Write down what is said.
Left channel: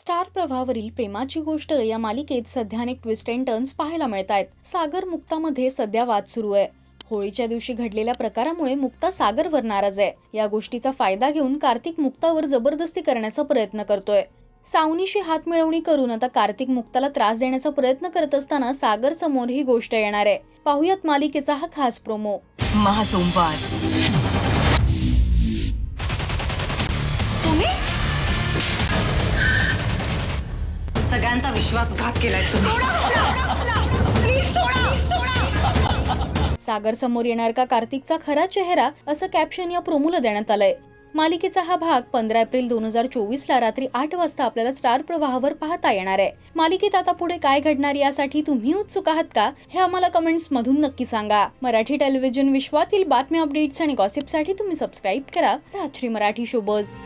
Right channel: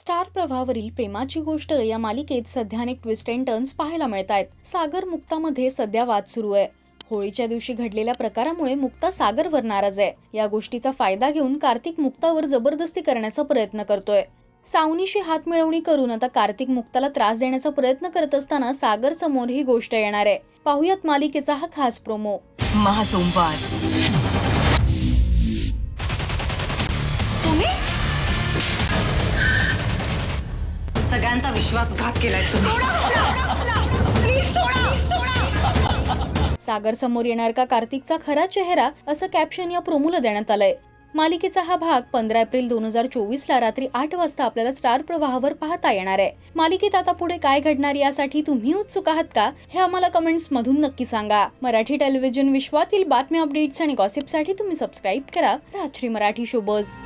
Star प्रवाहावरील प्रेमाची गोष्ट या मालिकेत सध्या अनेक ट्विस्ट अँड टर्न्स पाहायला मिळत आहेत। सागर मुक्तामध्ये सध्या वाद सुरू आहे। होळीच्या दिवशी घडलेल्या प्रकारामुळे मुक्ता सागरवर नाराज आहे। या गोष्टीचा फायदा घेऊन कार्तिक मुक्तावर जबरदस्ती करण्याचा प्रयत्न करतोय। सावनीशी हात मिळवणी करून आता कार्तिक मुक्ताला त्रास देण्याचा प्रयत्न करत असताना सागर समोर ही गोष्ट येणार आहे। पाहुयात मालिकेचा हा खास प्रोमो। महासोमवार तुम्ही सगळ्यांचा विश्वासघात केलाय तुम्ही। सागर समोर येणार का कार्तिकचा खरा चेहरा, असं कॅप्शन या प्रोमोला देण्यात आलंय। मालिकेचा हा भाग 15 एप्रिल 2024 ला रात्री 8 वाजता आपल्याला स्टार प्रवाहावर पाहता येणार आहे। मालिकेत आता पुढे काय घडणार यासाठी तुम्ही उत्सुक आहात का, हे आम्हाला कमेंट्स मधून नक्की सांगा। मराठी टेलिव्हिजन विश्वातील बातम्या, अपडेट्स आणि गॉसिपसाठी तुम्ही सबस्क्राइब करा राजश्री मराठी शोबज।